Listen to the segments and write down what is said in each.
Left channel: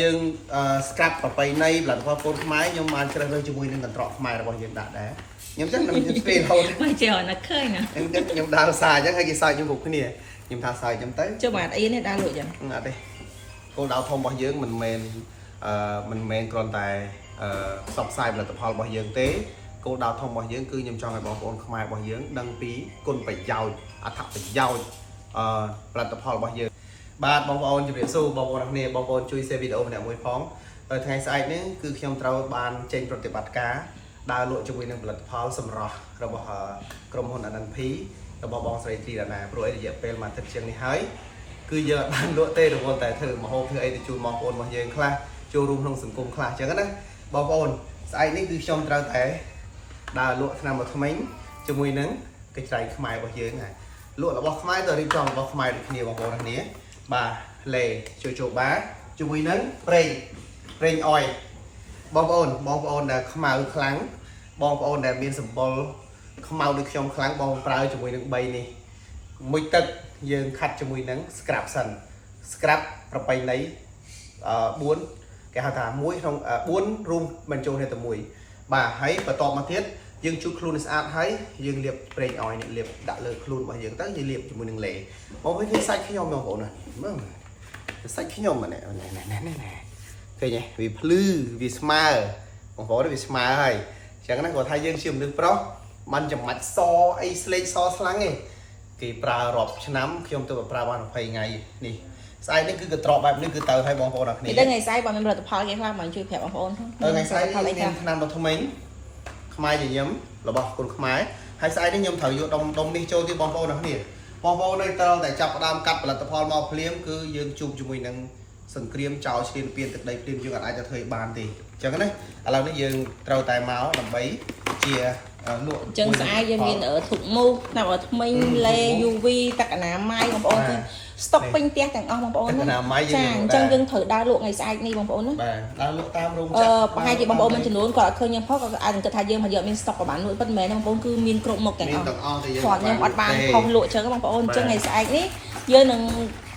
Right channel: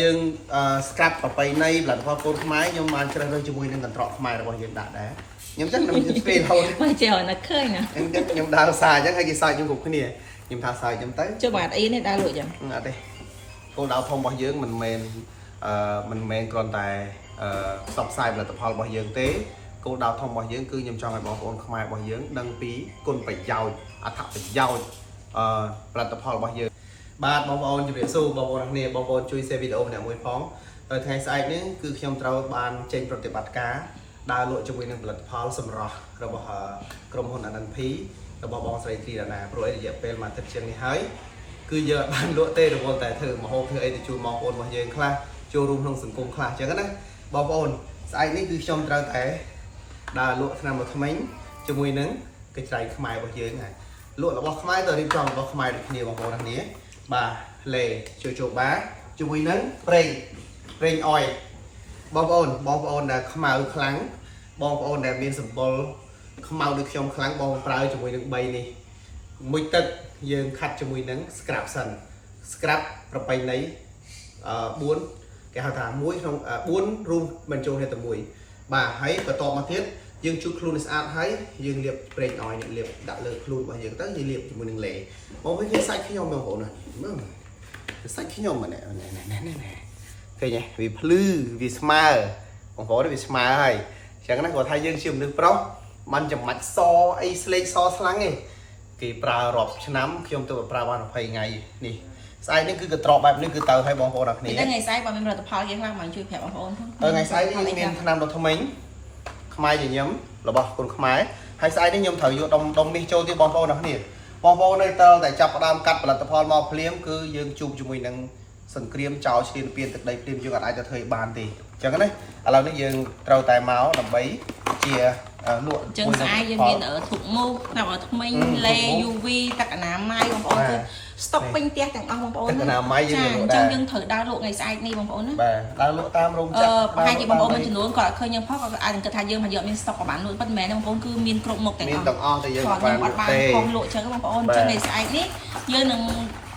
យើង scrap ប្របីនៃផលិតផលកូនខ្មែរខ្ញុំបានជ្រើសរើសជាមួយនឹងកន្ត្រកខ្មែររបស់យើងដាក់ដែរខ្ញុំចឹងខ្ញុំស្ពេរហូតមកចេះណាឃើញណាខ្ញុំដើរសាអញ្ចឹងហើយគេសើចខ្ញុំគ្រប់គ្នាខ្ញុំថាសើចខ្ញុំទៅចុះបាទអីនេះដើរលក់ចឹងអត់ទេគោលដៅធំរបស់យើងមិនមែនគ្រាន់តែផ្សព្វផ្សាយផលិតផលរបស់យើងទេគោលដៅធំរបស់យើងគឺខ្ញុំចង់ឲ្យបងប្អូនខ្មែររបស់យើងដឹងពីគុណប្រយោជន៍អត្ថប្រយោជន៍ផលិតផលរបស់យើងបាទបងប្អូនជម្រាបសួរបងប្អូនទាំងគ្នាបងប្អូនជួយ share វីដេអូម្នាក់មួយផងហើយថ្ងៃស្អែកនេះគឺខ្ញុំត្រូវបានចេញប្រតិបត្តិការដើរលក់ជាមួយនឹងផលិតផលសម្រស់របស់ក្រុមហ៊ុន NNP របស់បងស្រីធីរណាព្រោះរយៈពេលមួយអាទិត្យជាងនេះហើយគឺយើងអត់បានលក់ទេរវល់តែធ្វើម្ហូបធ្វើអីទៅជូនបងប្អូនរបស់យើងខ្លះចូលរួមក្នុងសង្គមខ្លះអញ្ចឹងណាបងប្អូនស្អែកនេះគឺខ្ញុំត្រូវតែដើរលក់ថ្នាំថ្មីជាមួយនឹងកិច្ចស្រ័យខ្មែររបស់យើងហើយលក់របស់ខ្មែរទៅរៀបចំរបស់ខ្មែរដូចគ្នាបងប្អូនគ្នាបាទលេចូលបាជាមួយនឹងប្រេងអុយបងប្អូនដែលខ្មៅខ្លាំងបងប្អូនដែលមានសម្បុរខ្មៅដូចខ្ញុំខ្លាំងបងប្រើជាមួយនឹង3នេះមួយទឹកយើងខាត់ជាមួយនឹង scrap សិន scrap ប្របីនៃ4គេហៅថា1ក្នុង4រួមបញ្ចូលគ្នាទៅមួយបាទហើយបន្តមកទៀតយើងជូតខ្លួនឲ្យស្អាតហើយយើងលាបប្រេងអុយនេះលាបដាក់លើខ្លួនរបស់យើងទៅយើងលាបជាមួយនឹងលេបងប្អូនឃើញសាច់ខ្ញុំបងប្អូនណាមើលសាច់ខ្ញុំណែឃើញទេវាភ្លឺវាស្មើបងប្អូនវាស្មើហើយអញ្ចឹងណាគាត់ថាយើងជាមនុស្សប្រុសមិនចាំបាច់សអីស្លេកសស្លាំងទេគេប្រើរាប់ឆ្នាំខ្ញុំទៅប្រើបាន20ថ្ងៃនេះស្អែកនេះគឺកត្រកបែបនេះគឺទៅឲ្យបងប្អូនអរគ្នាថ្ងៃស្អែកបងមានផលិតផលគេខ្លះមកជួយប្រាប់បងប្អូនថ្ងៃស្អែកនេះមានថ្នាំដុសធ្មេញខ្មែរញញឹមរបស់គុនខ្មែរហើយស្អែកនេះខ្ញុំត្រូវយកដុំនេះចូលទៀតបងប្អូនអរគ្នាបងប្អូននៅត្រូវតែចាប់ផ្ដើមកាត់ផលិតផលមកភ្លាមគឺយើងជួបជាមួយនឹងសង្គ្រាមចោលឈ្លានពានទឹកដីភ្លាមយើងអាចទៅធ្វើបានទេអញ្ចឹងណាឥឡូវនេះយើងត្រូវតែមកដើម្បីជាលក់ចឹងស្អែកយើងមានធុកមូសថ្នាំថ្មីលេ UV ទឹកអនាម័យបងប្អូនទៅស្តុកពេញផ្ទះទាំងអស់បងប្អូនទឹកអនាម័យយើងអញ្ចឹងយើងត្រូវដើរលក់ថ្ងៃស្អែកនេះបងប្អូនណាបាទដើរលក់តាមរោងចក្រប្រហែលជាបងប្អូនមួយចំនួនគាត់អត់ឃើញយើងផុសគាត់អាចគិតថាយើងមកយកមានស្តុកប្រហែលលក់ប៉ុន្តែបងប្អូនគឺមានគ្រប់មុខទាំងអស់មានទាំងអស់តែយើងអត់បានលក់ទេផងលក់ចឹងបងប្អូនចឹងថ្ងៃស្អែកនេះយើងនឹង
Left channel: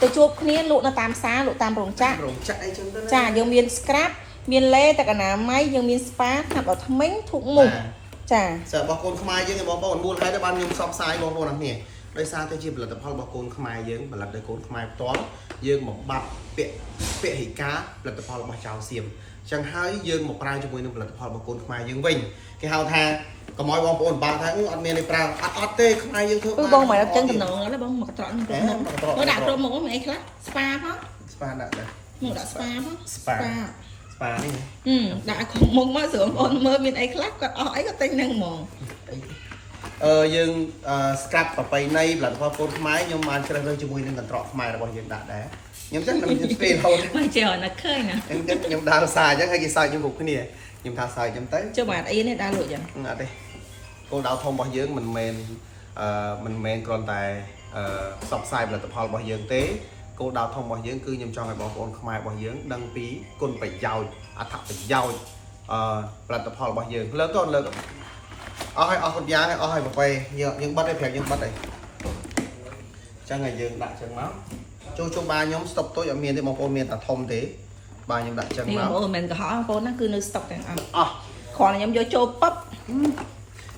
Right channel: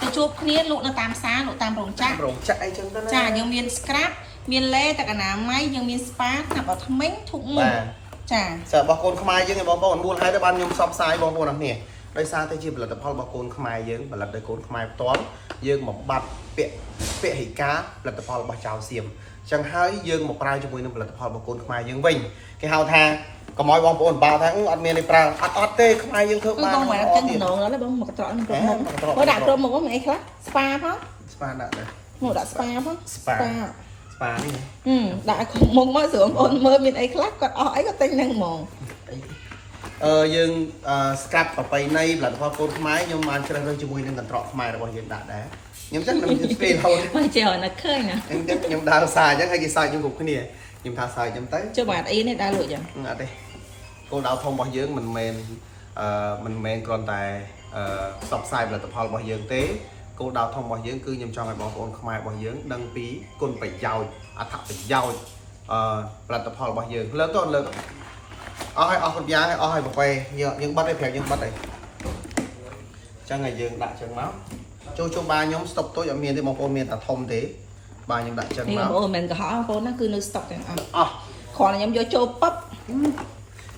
ទៅជួបគ្នាលក់នៅតាមផ្សារលក់តាមរោងចក្រអីចឹងទៅណាចាយើងមាន scrap មានលេទឹកអនាម័យយើងមាន spa ថ្នាំថ្មីធុកមុខចាសើរបស់កូនខ្មែរយើងឯងបងប្អូនមូលហេតុបានខ្ញុំផ្សព្វផ្សាយបងប្អូនអរគ្នាដោយសារតែជាផលិតផលរបស់កូនខ្មែរយើងផលិតដោយកូនខ្មែរផ្ទាល់យើងបំបត្តិពហិការផលិតផលរបស់ចៅសៀមអញ្ចឹងហើយយើងមកប្រើជាមួយនឹងផលិតផលរបស់កូនខ្មែរយើងវិញគេហៅថាកុំឲ្យបងប្អូនបាល់ថាអត់មានទេប្រើអត់ទេខ្មែរយើងធ្វើបានបងមកចឹងតំណងឡើយបងមកកត្រកនឹងគ្រប់មុខគាត់ដាក់គ្រប់មុខហ្នឹងអីខ្លះ spa ផង spa ដាក់ដែរមកដាក់ spa ផង spa នេះដាក់មុខមកស្រួលបងប្អូនមើលមានអីខ្លះគាត់អស់អីគាត់ទិញហ្នឹងហ្មងយើង scrap ប្របីនៃផលិតផលកូនខ្មែរខ្ញុំបានជ្រើសរើសជាមួយនឹងកន្ត្រកខ្មែររបស់យើងដាក់ដែរខ្ញុំចឹងខ្ញុំស្ពេរហូតមកចេះណាឃើញណាខ្ញុំដើរសាអញ្ចឹងហើយគេសើចខ្ញុំគ្រប់គ្នាខ្ញុំថាសើចខ្ញុំទៅចុះបាទអីនេះដើរលក់ចឹងអត់ទេគោលដៅធំរបស់យើងមិនមែនគ្រាន់តែផ្សព្វផ្សាយផលិតផលរបស់យើងទេគោលដៅធំរបស់យើងគឺខ្ញុំចង់ឲ្យបងប្អូនខ្មែររបស់យើងដឹងពីគុណប្រយោជន៍អត្ថប្រយោជន៍ផលិតផលរបស់យើងលើកអស់ហើយអស់គ្រប់យ៉ាងហើយអស់ហើយប្រហែលយើងបិទឲ្យប្រាប់យើងបិទអីអញ្ចឹងហើយយើងដាក់អញ្ចឹងមកចូលបាខ្ញុំស្តុកតូចអត់មានទេបងប្អូនមានតែធំទេបាទខ្ញុំដាក់អញ្ចឹងមកបងប្អូនមិនកំហុសបងប្អូនណាគឺនៅស្តុកទាំងអស់គ្រាន់តែខ្ញុំយកចូលប៉ឹប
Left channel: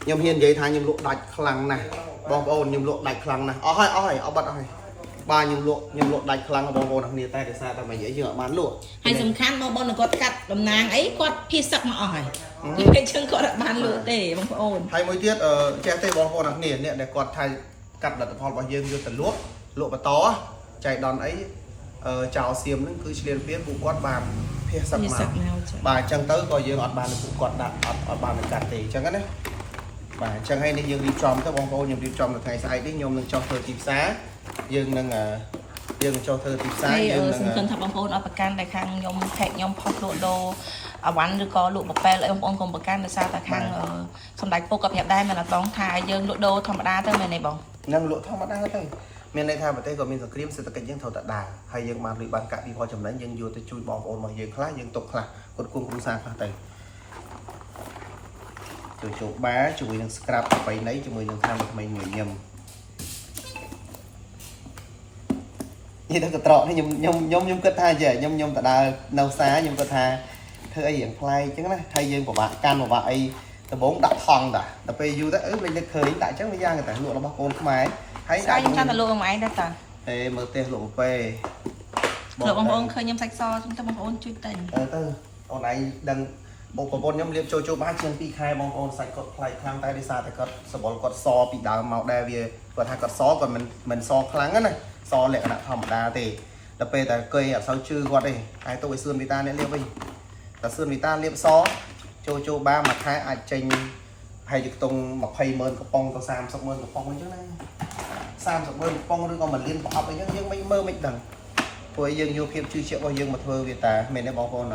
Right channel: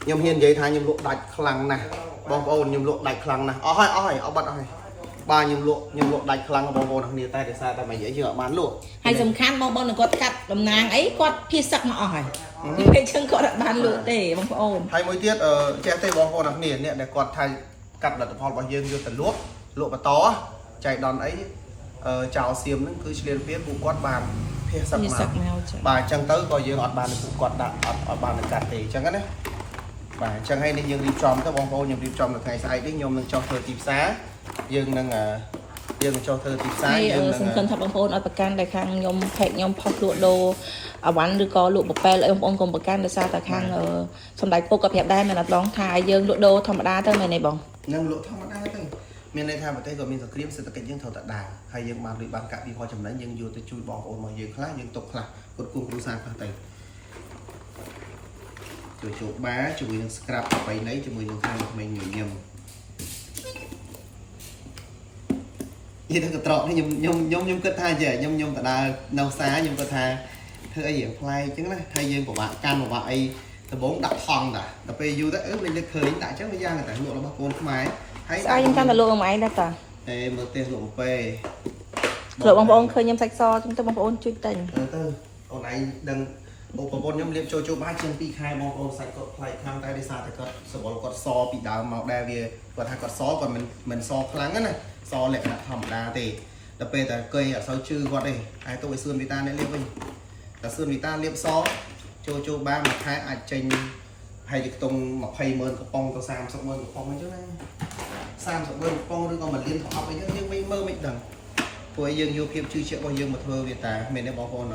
ខ្ញុំហ៊ាននិយាយថាខ្ញុំលក់ដាច់ខ្លាំងណាស់បងប្អូនខ្ញុំលក់ដាច់ខ្លាំងណាស់អស់ហើយអត់បាត់អស់ហើយបាទខ្ញុំលក់ដាច់ខ្លាំងបងប្អូនគ្នាតែដោយសារតែមកនិយាយយើងអត់បានលក់ហើយសំខាន់បងប្អូនគាត់កាត់តំណាងអីគាត់ភៀសសឹកមកអស់ហើយគេជឹងគាត់អត់បានលក់ទេបងប្អូនហើយមួយទៀតចេះទេបងប្អូនគ្នាអ្នកដែលគាត់ថាកាត់ផលិតផលរបស់យើងយកទៅលក់បន្តចៃដន្យអីចៅសៀមហ្នឹងគឺឆ្លៀនពៀនពួកគាត់បានភៀសសឹកមកបាទអញ្ចឹងទៅក៏យើងអត់បានពួកគាត់ដាក់អត់បានកាត់ទេអញ្ចឹងណាបាទអញ្ចឹងហើយនេះយើងរៀបចំទៅបងប្អូនខ្ញុំរៀបចំនៅថ្ងៃស្អែកនេះខ្ញុំនឹងចុះធ្វើទីផ្សារយើងនឹងចុះធ្វើទីផ្សារយើងនឹងសំខាន់ថាបងប្អូនអត់ប្រកាន់ដែលខាងខ្ញុំផេកខ្ញុំផុសលក់ដូរអវ៉ាន់ឬក៏លក់ប្រពែលអីបងប្អូនកុំប្រកាន់ដោយសារតែខាងសំដេចពុកក៏ប្រាប់ដែរមិនអត់បងថាយើងលក់ដូរធម្មតាទៅមានទេបងនឹងលក់ធម្មតាទៅមានន័យថាប្រទេសក៏មានសង្គ្រាមសេដ្ឋកិច្ចយើងត្រូវតែដើរហើយយើងបានលុយបានកាក់ពីផលចំណេញយើងយកទៅជួយបងប្អូនរបស់យើងខ្លះយើងទុកខ្លះគាត់គុំគ្រួសារខ្លះទៅចូលបាជាមួយនឹង scrap ប្របីនៃជាមួយនឹងថ្នាំថ្មីញញឹម นี่ถ้ากระตรอกนี่ยมก็ท่าเจยมแต่ดาเนาซายมก็ท่าเธอไอ้อย่างไฟchứนะไทยยังบอกว่าการบอกว่าไอ้ตะบงดักทองด่ะแต่ไปยูแต่mình được khởi tại chắc mới giang người ta lụa nó bóc côn không ai thấy tại chúng ta là lụa máy đó cả ê mở tiền lụa pe lụa bông bông khơi nhâm sạch so chúng ta bông bông chui tình tư ông này đừng bộ bông nhâm liệp cho ba chân pi khai bông bông sạch cột lại khang tay đi xa thì cột sờ bóng cột so bị đào màu đen về còn hai cột so còn mình so kháng á này so lệ là thầm đa thì đập pe tại cây ở sau chư quạt đây hai tôi xương người ta nên liệp đi là xương người ta liệp so cho ba mặt hai ai tranh hay được tung một hay mơn của bông tao sam sọc mơn của bông ấy chứ này sam sọc mơn của bông rồi còn mình liên hợp với những mấy mơ mình đằng với dương vô phim chưa triệu bao dương mà thơ việt ta mình đã bỏ con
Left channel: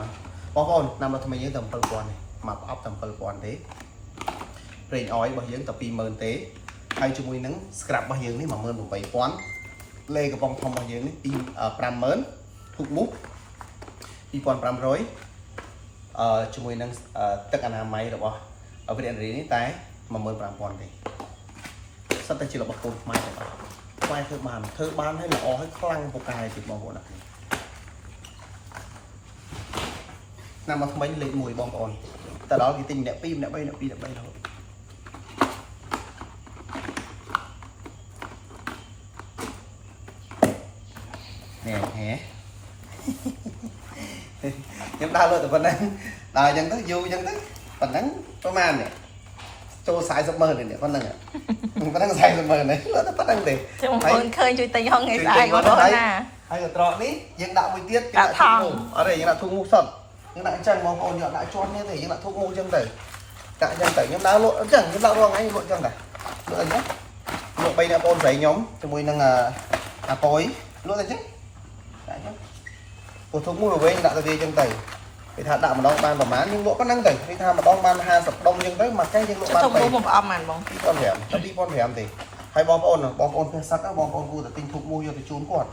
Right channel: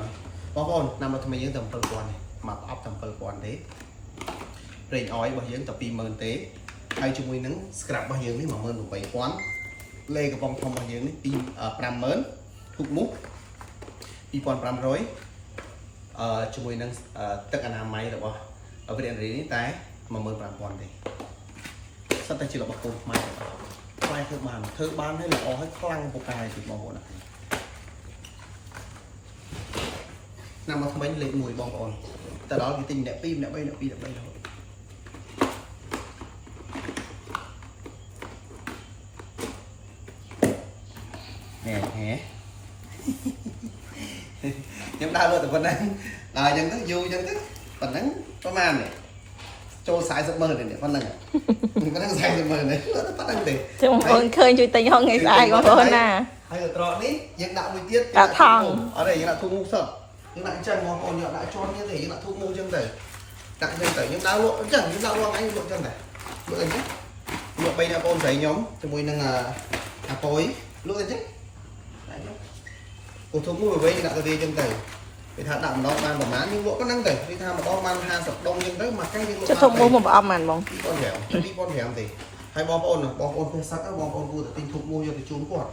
nằm là thằng dương tầm phân quan này mà ấp tầm phân quan thế rồi ói bao dương tập pi mơn tế hay chung mùi nắng scrap bao dương đấy mà mơn của bảy quán lê của bông thông bao dương đấy pi pram mớn thuộc mút pi quan pram rối chung mùi nắng tất cả máy được không ở cái điện này tái mà mơn pram quan thì sao ta chỉ là bậc cột máy quay thơ ban hay là ó hay khăng một cài thì bóng này nằm mà không bánh lấy mùi bóng còn tại đó cái tình đẹp pin đẹp bay thôi nè hé nhưng ta luôn từ phầnนั้นlà dân tới vui dân tới phầnนั้นประมาณnày cho sai giấc mơ này để con lần ạ con đang sai giấc mơ này nó bắt đang để thấy thuê chơi tình ho ngày chơi tình vào đấy hay là trọ đi những đạo buổi tiết những đạo thu ngủ ở đây những đạo thu ngủ sập những đạo chân mong còn nhọ đại cho như thế những đạo thu ngủ chân đẩy đại chân đẩy những đạo lộ chẳng những đạo luôn anh lộ chân đẩy lộ anh nhé lộ bây giờ con giấy nhóm cho mùi năng là tối lộ anh chứ đại nhé của thu ngủ với những đạo về chân đẩy vì thà đạo mà đong ban và má nhưng lộ có năng đẩy vì thà mà đong ban hai sập đông nhưng tới mà cái những lộ ban đẩy một âm mày mong con hẻm tâm đi con hẻm thì hay bom ôn phê sắc á bom ôn cu từ tinh thục mua vô thì trốn quạt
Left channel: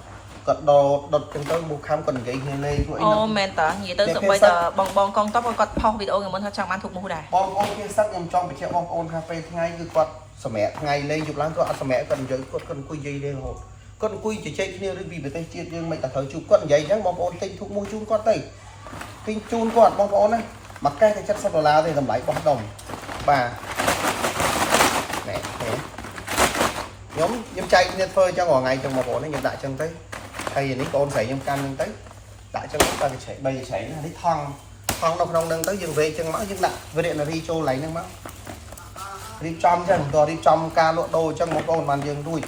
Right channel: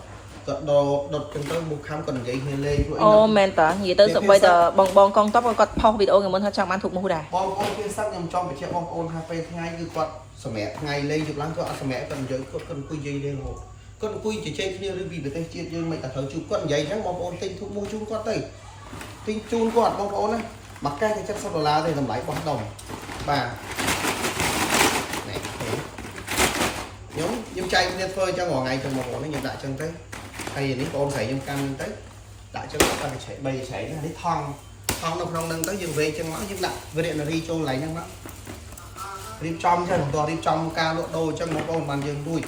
cật đột chân tới mua khám cần giấy lên rồi ô men tỏ gì tới giờ bong con tóc có không video của mình thôi chẳng ăn thuộc mua đà bom ôn phê sắc nhằm trong bị treo bom ôn cà phê ngay cứ quạt sờ mẹ ngày lên chụp láng có ăn sờ mẹ cần giấy cần quy dây lên hồ cần quy chỉ chơi kia vì bị tay chia nhưng mày cả thời chụp con giấy trắng bom ôn tinh thục mua chun con tay tinh chun quạt bom ôn này mặc cái chất sắp đô thì tầm lấy bắt đồng bà này nhóm chay nên phơi cho ngồi ngày trong một bộ nó nhập đại chân tới hay những con phải nhom can tới đại chân ta phải chạy bây giờ chạy nó đi thong không nâng tới dừng về chân máu dừng lại về điện là đi cho lấy năng máu đi trong chân to đi trong ca lụa đôi chân một con màn dừng đuôi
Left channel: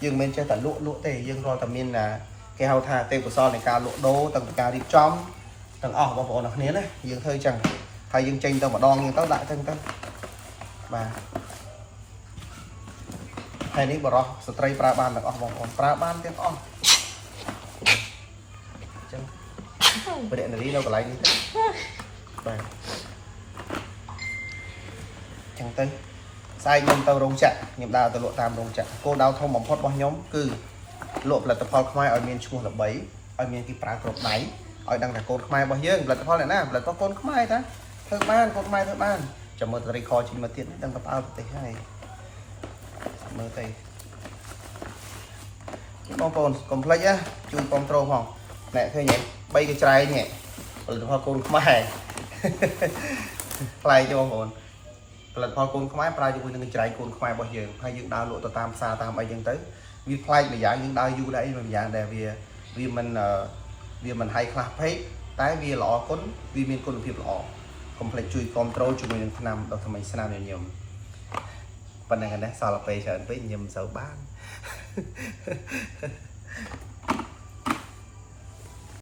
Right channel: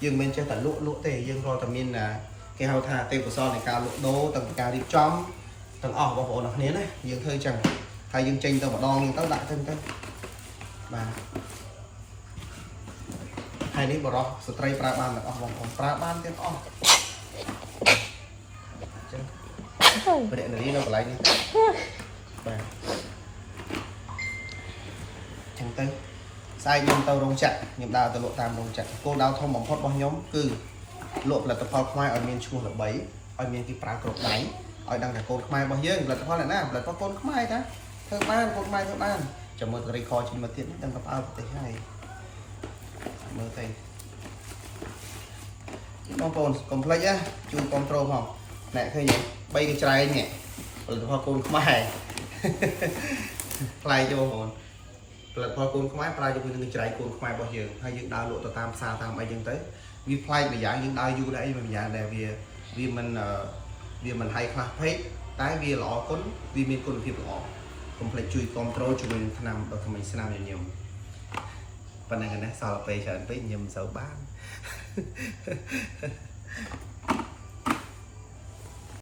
dừng bên trên tận lụa tề dừng rồi tầm miên là cái hào thà tê của son này ca lụa đô tầng ca đi trong tầng ở vào bộ nè này dừng thôi chẳng hay dừng tranh tao mà đo nhưng tao đại thân tao mà hay ní bỏ ra stray pra ban là bong còn pra ban tiếng on bữa điện đi đâu có lấy đi chẳng tới sai nhom tàu rong chặt nhom đào tàu lộ tam rong chặt cô đào thông bóng phốt bao nhóm cư lộ là tập phật khoai ở miền trung là bấy ở miền cái pra cột đáy ở đằng là cột khoai bao nhiêu là tập phật này nè là có con khoai ta thơ ban cột khoai thơ ban chậm một tay kho chỉ mà tiền đằng tập ao tay hai mơ tay bóng con complete á chui control không nè thôi nhé bay cái trai nhẹ rồi hoa côn không ai play cho bóng là hoa côn không ai play cho cái trai côn không ai bao giờ hay những đào lộ tam xa tam ai dân tới vì play bây giờ những đào du đấy mà bây giờ là vì mình hay clap hết tái vì lọ cún vì mình côn phiền lọ complete chui control cho mình nằm đâu thì mình sẽ làm nhiều phần này này sao là về trở với nhầm dấu ban